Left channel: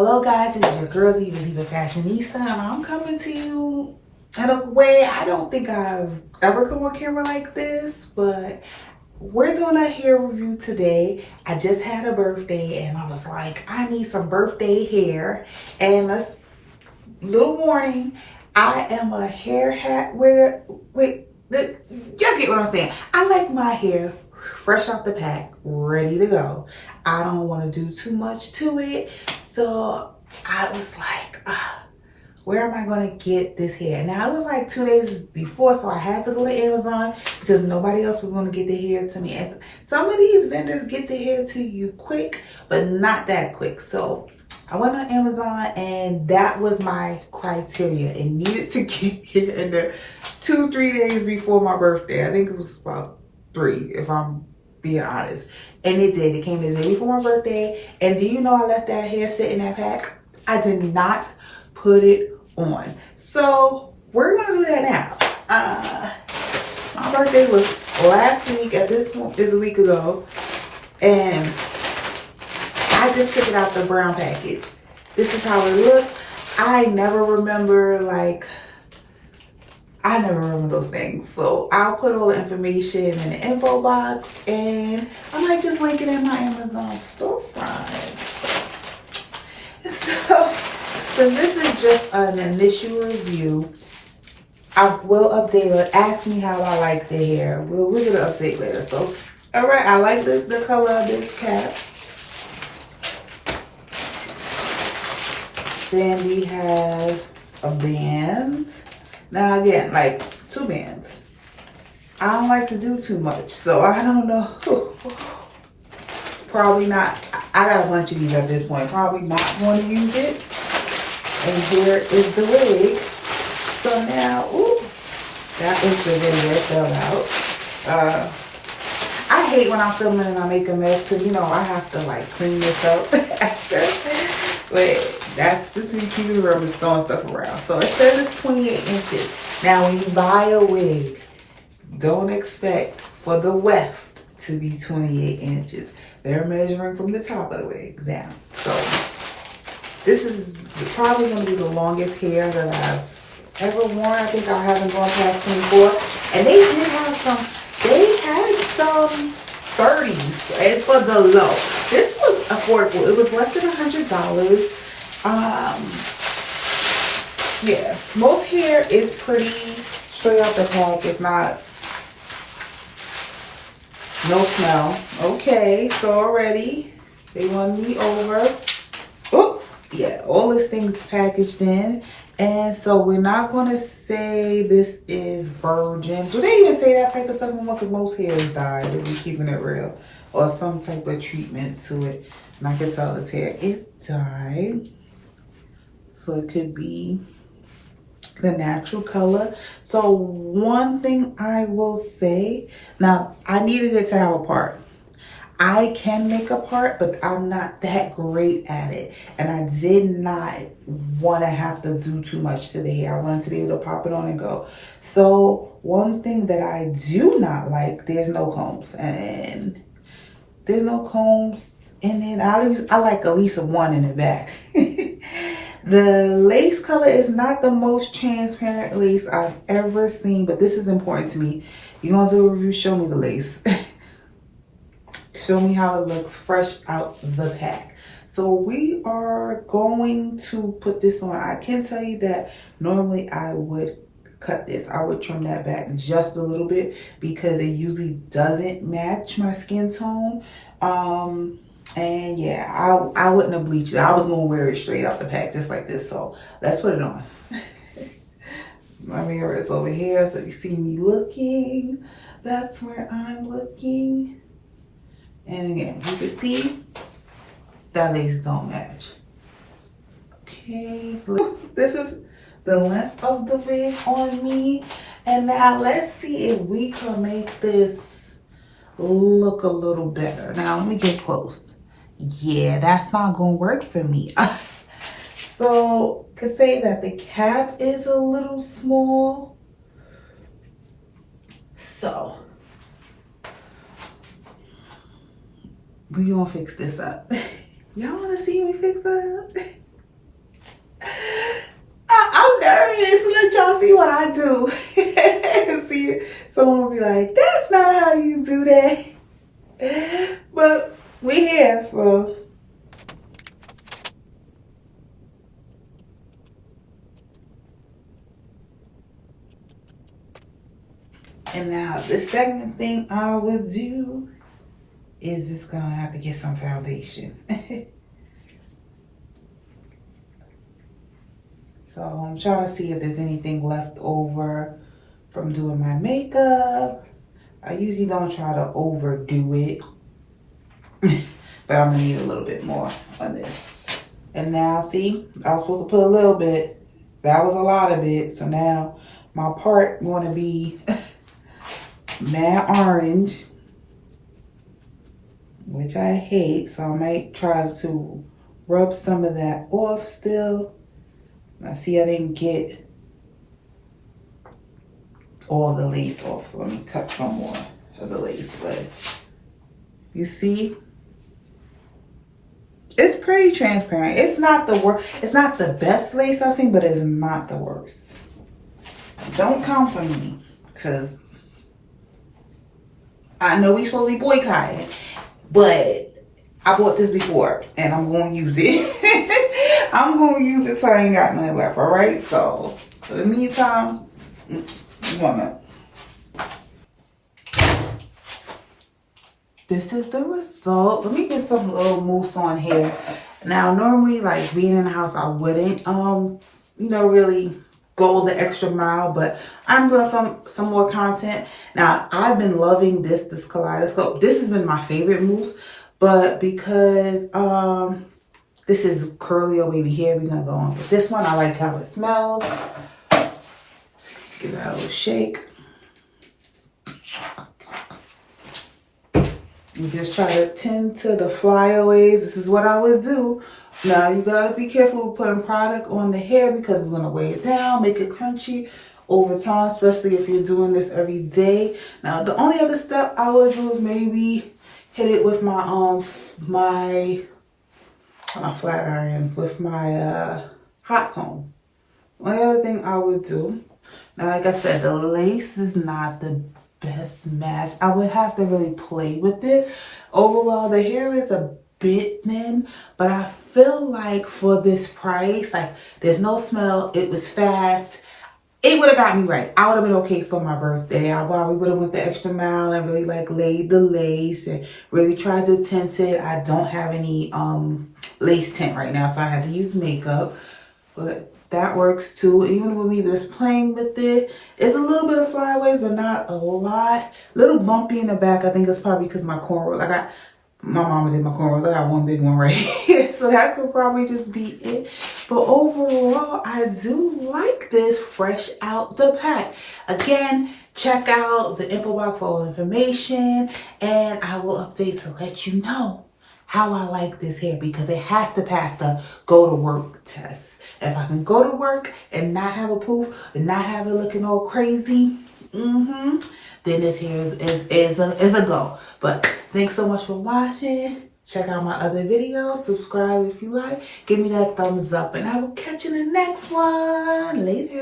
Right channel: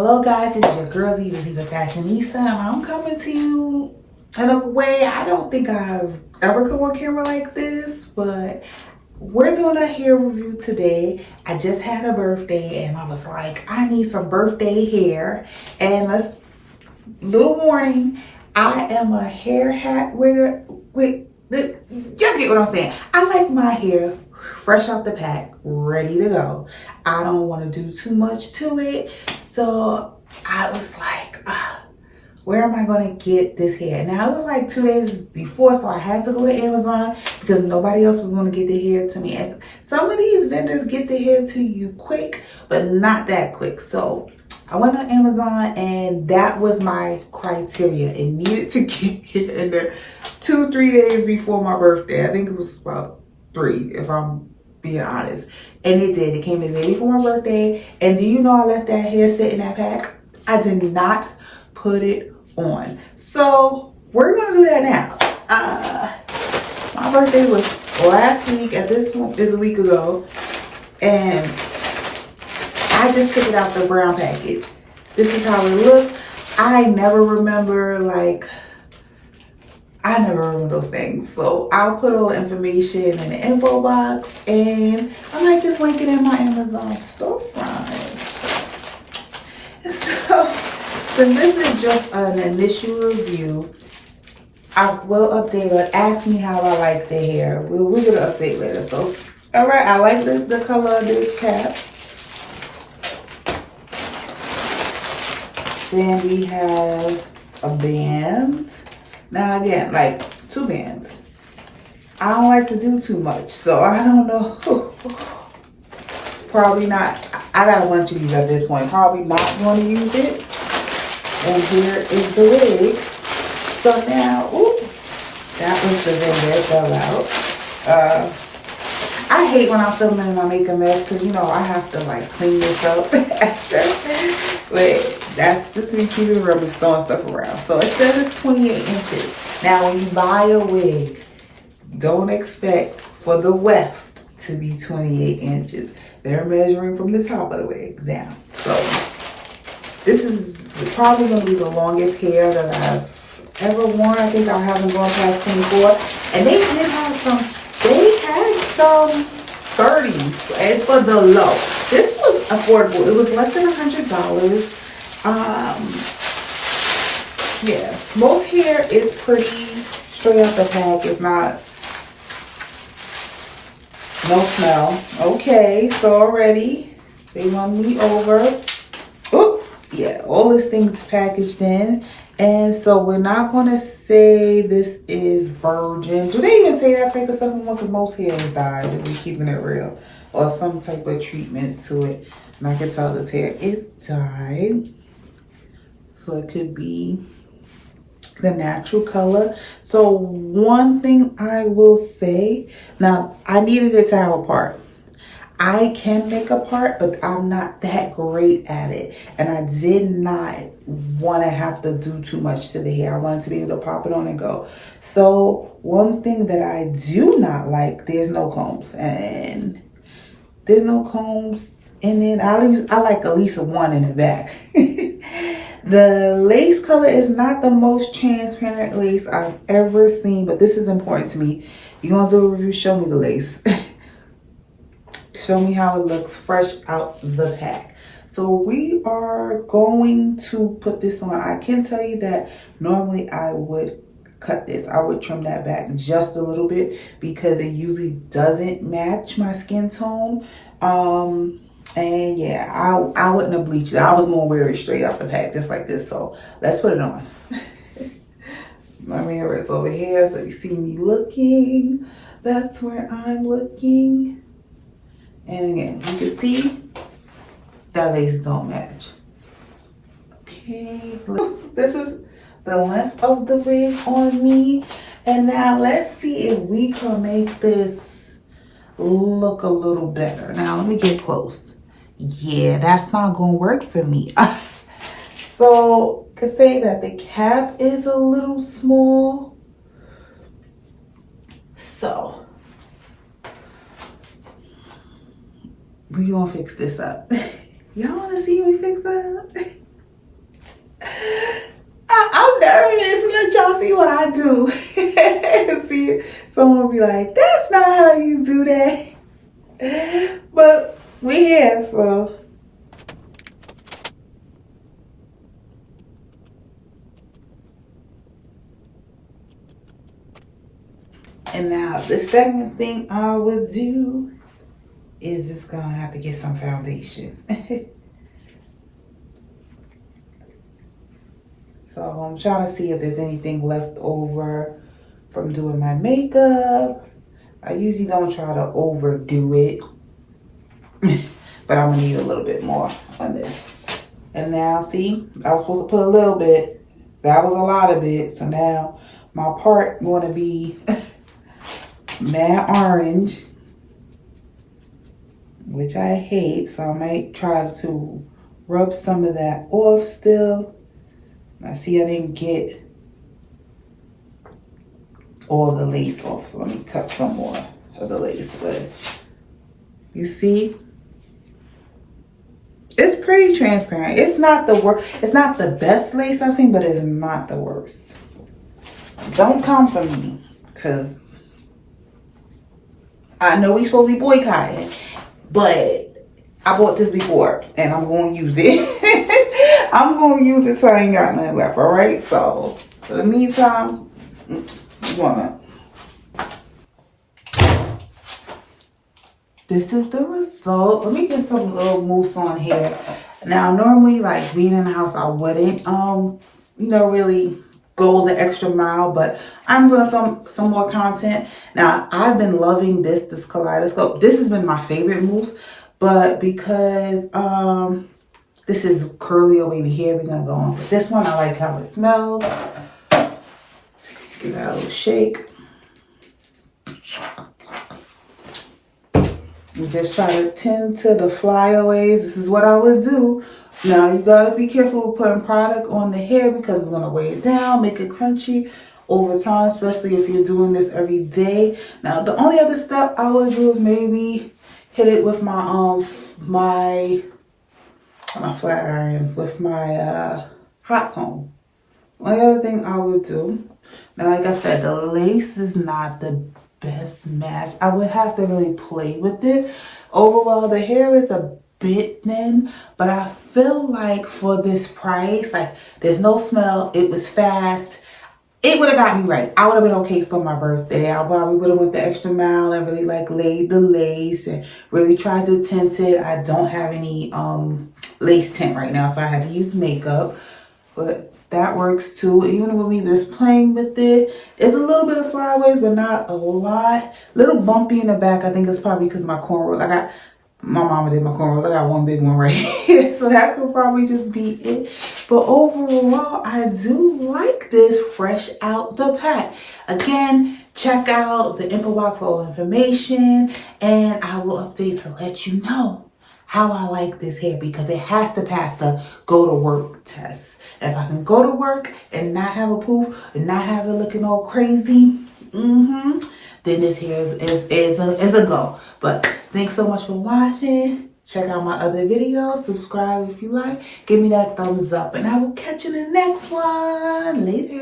Hello guys, it's your girl Diva Fashionista, and I'm coming to you in a way I don't think I've ever come on camera like this, but we're doing a hair review today. I just had a birthday and I was like, I need some birthday hair. And let's, little warning, I am a hair hat wearer. Y'all get what I'm saying. I like my hair fresh out the pack, ready to go. I don't want to do too much to it. So I was like, where am I going to get this hair? Now it was like 2 days before, so I had to go to Amazon because nobody else was going to get the hair to me. And some of these vendors get the hair to you quick, but not that quick. So I went on Amazon and that was my criteria. It needed to get here in the 2-3 days before my birthday. I think it was about 3 if I'm being honest. And it did. It came the day before my birthday. And do you know I left that hair sit in that pack? I did not put it on. So we're going to do that now. My birthday was last week. At this one is a week ago. And I just took it out the brown package. This is how it looks. I never remember those things. So I'll put all the information in the info box and I might just link it in my Amazon storefront. So this is just an initial review. I will update or ask me how I like the hair. We're gonna update later. So all right, I like the color of this cap. Then we have a band. Now again, like 2 bands. I don't like to do too much, so I don't know. Probably not. I got a bunch of these at this point. Probably not going to use it. And here is the wig. So now, that was the vendor. It fell out. I hate when I'm filming and I make a mess because, you know, I have to like clean this up after. But that's just me keeping the rubber, throwing stuff around. So it says it's 28 inches. Now, when you buy a wig, don't expect for the weft to be 28 inches. They're measuring from the top of the wig down. So this is probably going to be the longest hair that I've ever worn. I think I haven't gone past 24. And they did have some 30s and for the low. This was affordable. It was less than $100. Yeah, most hair is pretty straight out the pack. It's not, no smell. Okay, so already they won me over. Oh, yeah, all this thing's packaged in. And so we're not going to say this is virgin. Do they even say that type of stuff anymore? Because most hair is dyed, if we're keeping it real. Or some type of treatment to it. And I can tell this hair is dyed. So it could be the natural color. So one thing I will say, now I needed it to have a part. I can make a part, but I'm not that great at it. And I did not want to have to do too much to the hair. I wanted to be able to pop it on and go. So one thing that I do not like, there's no combs. And there's no combs in it. I like at least one in the back. The lace color is not the most transparent lace I've ever seen, but this is important to me. You're going to do a review, show me the lace. Show me how it looks fresh out the pack. So we are going to put this on. I can tell you that normally I would cut this. I would trim that back just a little bit because it usually doesn't match my skin tone. And yeah, I wouldn't have bleached it. I was going to wear it straight out the pack just like this. So let's put it on. My mirror is over here. So you see me looking. That's where I'm looking. And again, you can see that lace don't match. Okay, this is the length of the wig on me. And now let's see if we can make this look a little better. Now let me get close. Yeah, that's not gonna work for me. So I could say that the cap is a little small. So we gonna fix this up. Y'all wanna see me fix it up? y'all see what I do. See, someone will be like, that's not how you do that. But we here, so. And now the second thing I would do is just gonna have to get some foundation. So I'm trying to see if there's anything left over from doing my makeup. I usually don't try to overdo it, but I'm gonna need a little bit more on this. And now see, I was supposed to put a little bit. That was a lot of it. So now my part going to be matte orange, which I hate. So I might try to rub some of that off still. I see I didn't get all the lace off, so let me cut some more of the lace. But you see, it's pretty transparent. It's not the worst. It's not the best lace I've seen, but it's not the worst. Don't come for me, because I know we supposed to be boycotting, but I bought this before and I'm going to use it. I'm going to use it till I ain't got nothing left, all right? So, for the meantime, this is the result. Let me get some little mousse on here. Now, normally, like, being in the house, I wouldn't, really go the extra mile, but I'm going to film some more content. Now, I've been loving this kaleidoscope. This has been my favorite mousse, but because, this is curly or wavy hair, we're going to go on with this one. I like how it smells. Give that a little shake. You just try to tend to the flyaways. This is what I would do. Now, you got to be careful with putting product on the hair because it's going to weigh it down, make it crunchy over time, especially if you're doing this every day. Now, the only other step I would do is maybe hit it with my flat iron, with my hot comb. Only other thing I would do. Now, like I said, the lace is not the best match. I would have to really play with it. Overall, the hair is a bit thin, but I feel like for this price, like, there's no smell. It was fast. It would have got me right. I would have been okay for my birthday. I probably would have went the extra mile and really like laid the lace and really tried to tint it. I don't have any lace tint right now, so I had to use makeup, but that works too. Even with me just playing with it, it's a little bit of flyaways, but not a lot. Little bumpy in the back. I think it's probably because my cornrows. My mama did my cornrows. I got one big one right here, so that could probably just be it. But overall, I do like this fresh out the pack. Again, check out the info box for all information, and I will update to let you know how I like this hair, because it has to pass the go to work test. If I can go to work and not have a poof and not have it looking all crazy, then this hair is a go. But thanks so much for watching. Check out my other videos. Subscribe if you like. Give me that thumbs up. And I will catch you in the next one. Later.